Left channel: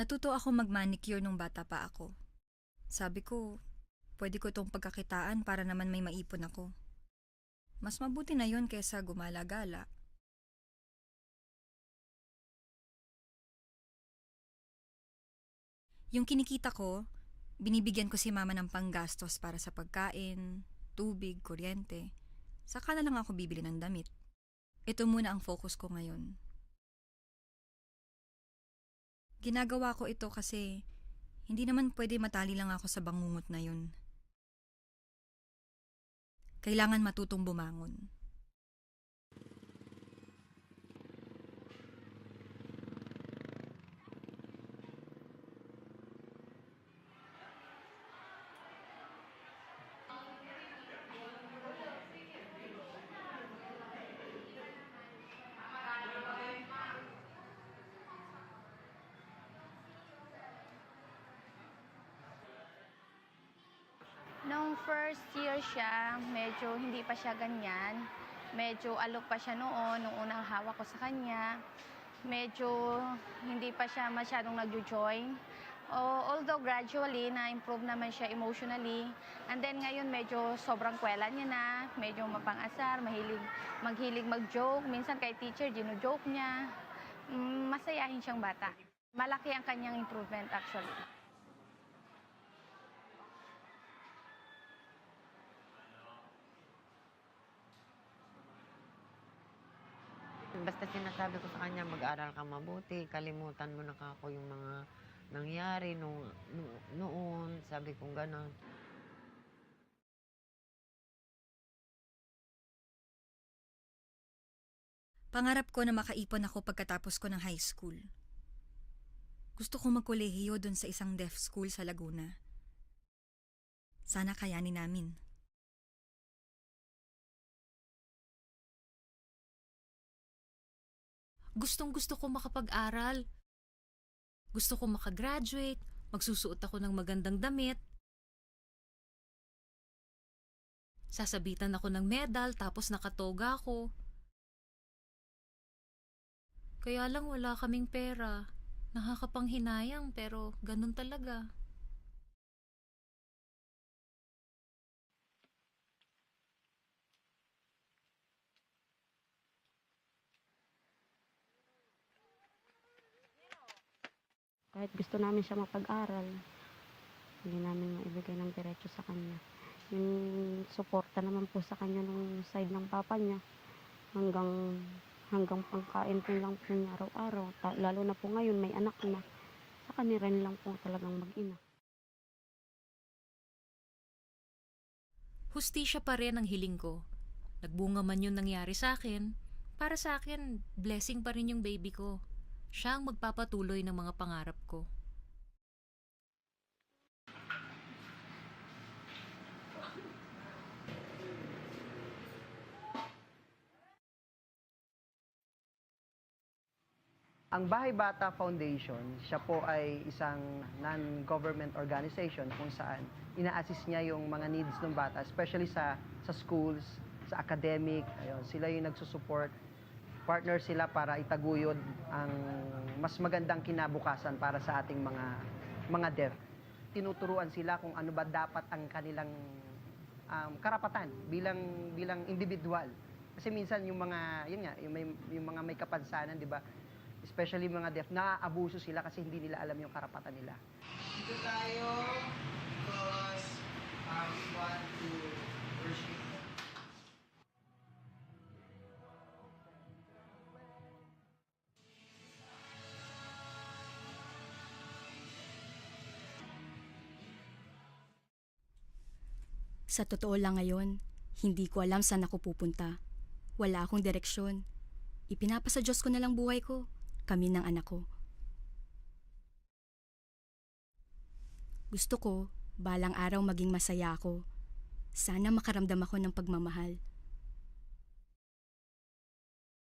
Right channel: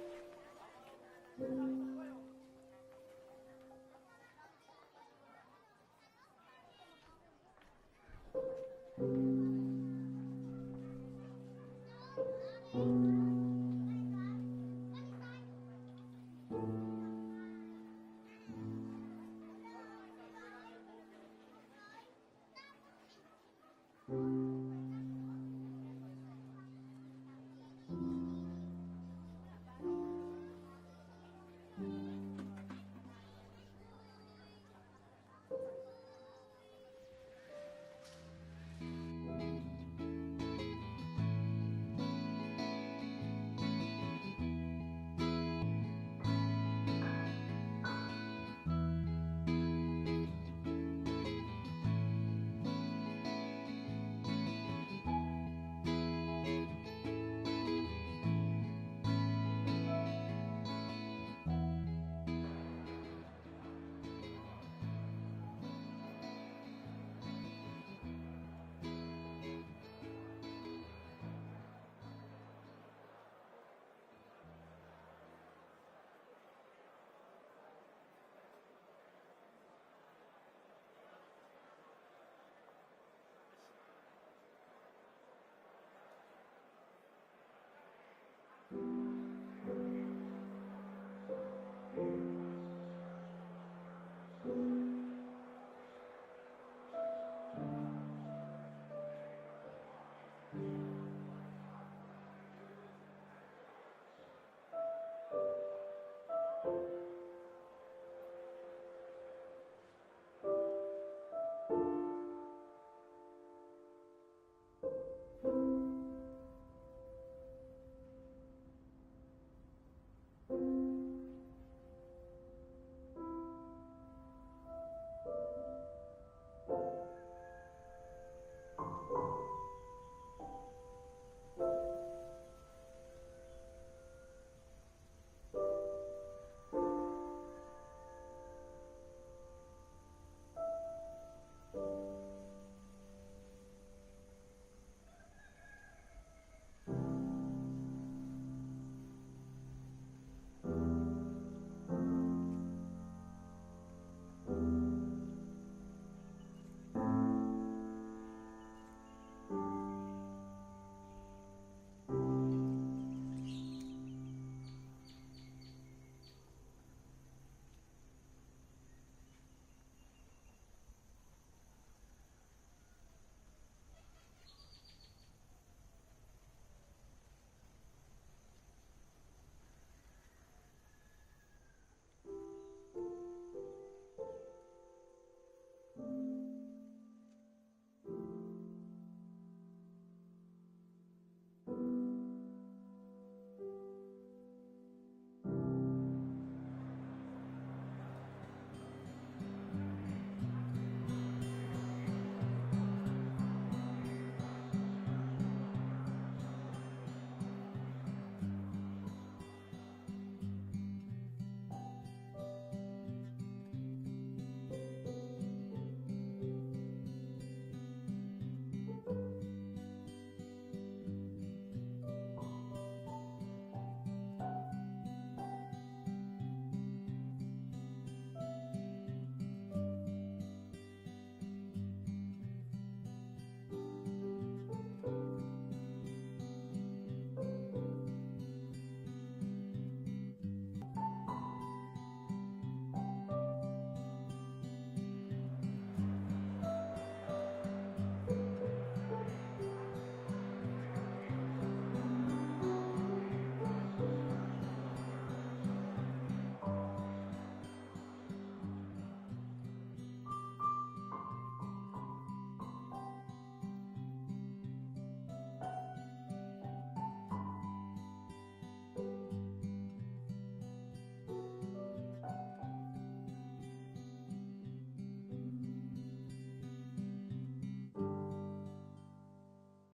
Natuto ako mag-manicure nung bata pa ako. Sabi ko, pwede ko itong pagkakitaan para naman may maipon ako. Mas mabuti na yon kaysa gumala-gala. Yung kinikita ko, binibigyan ko si mama ng panggastos para sa pagkain, tubig, kuryente. Saka na lang ako bibili ng damit. Ito muna ang focus ko ngayon. Ginagawa ko ito kasi hindi naman pwede matali lang ako sa bangungot na yun. Kailangan matutong bumangon. Nung first year siya, medyo hindi pa siya ganyan. Medyo alok pa siya noon, nung unang hawak ko sa kanya. Medyo hindi pa siya masyadong nagjo-join. Although gradually, na-improve naman siya emotionally. And then ngayon, medyo sobrang kwela niya na. Medyo mapang-asar, maghilig mag-joke. Minsan kay teacher, gino-joke niya. Masayahin siyang bata. Malaki ang kanyang improvement actually. Basta sinasabi ko sa kanya, mag-aral ka mabuti, kalimutan mo na kako yung mga nangyari noon, sabi ko gano'n. Pangarap ko na makaipon ako pagkatapos ko ng high school. Gusto ko magkolehiyo dun sa isang deaf school sa Laguna. Sana kayanin namin. Gustong-gusto ko makapag-aral. Gusto ko makagraduate, magsusuot ako ng magandang damit. Sasabitan ako ng medal tapos nakatoga ako. Kaya lang wala kaming pera. Nakakapanghinayang pero ganun talaga. Kahit gusto namin siya mapag-aral, hindi namin maibigay ng diretso sa kanya. Yung suporta naman po sa kanya nung side ng papa niya, hanggang pangkain po lang po niya araw-araw. Lalo na po ngayon, may anak na. Sa kanya rin lang po talagang mag-ina. Hustisya pa rin ang hiling ko. Nagbunga man yung nangyari sa akin, para sa akin, blessing pa rin yung baby ko. Siya ang magpapatuloy ng mga pangarap ko. Ang Bahay Bata Foundation, siya po ay isang non-government organization kung saan ina-assist niya yung mga needs ng bata, especially sa schools, sa academic. Ayun, sila yung nagsusupport. Partner sila para itaguyod ang mas magandang kinabukasan para sa ating mga deaf. Tinuturuan sila kung ano ba dapat ang kanilang karapatan bilang individual. Kasi minsan yung mga yung mga may kapansanan, 'di ba? Especially mga deaf, naaabuso sila kasi hindi nila alam yung karapatan nila. Dito tayo because we want to worship. Sa totoo lang ngayon, hindi ko alam saan ako pupunta. Wala akong direksyon. Ipinapasa Diyos ko na lang buhay ko, kami ng anak ko. Gusto ko, balang araw maging masaya ako. Sana makaramdam ako ng pagmamahal.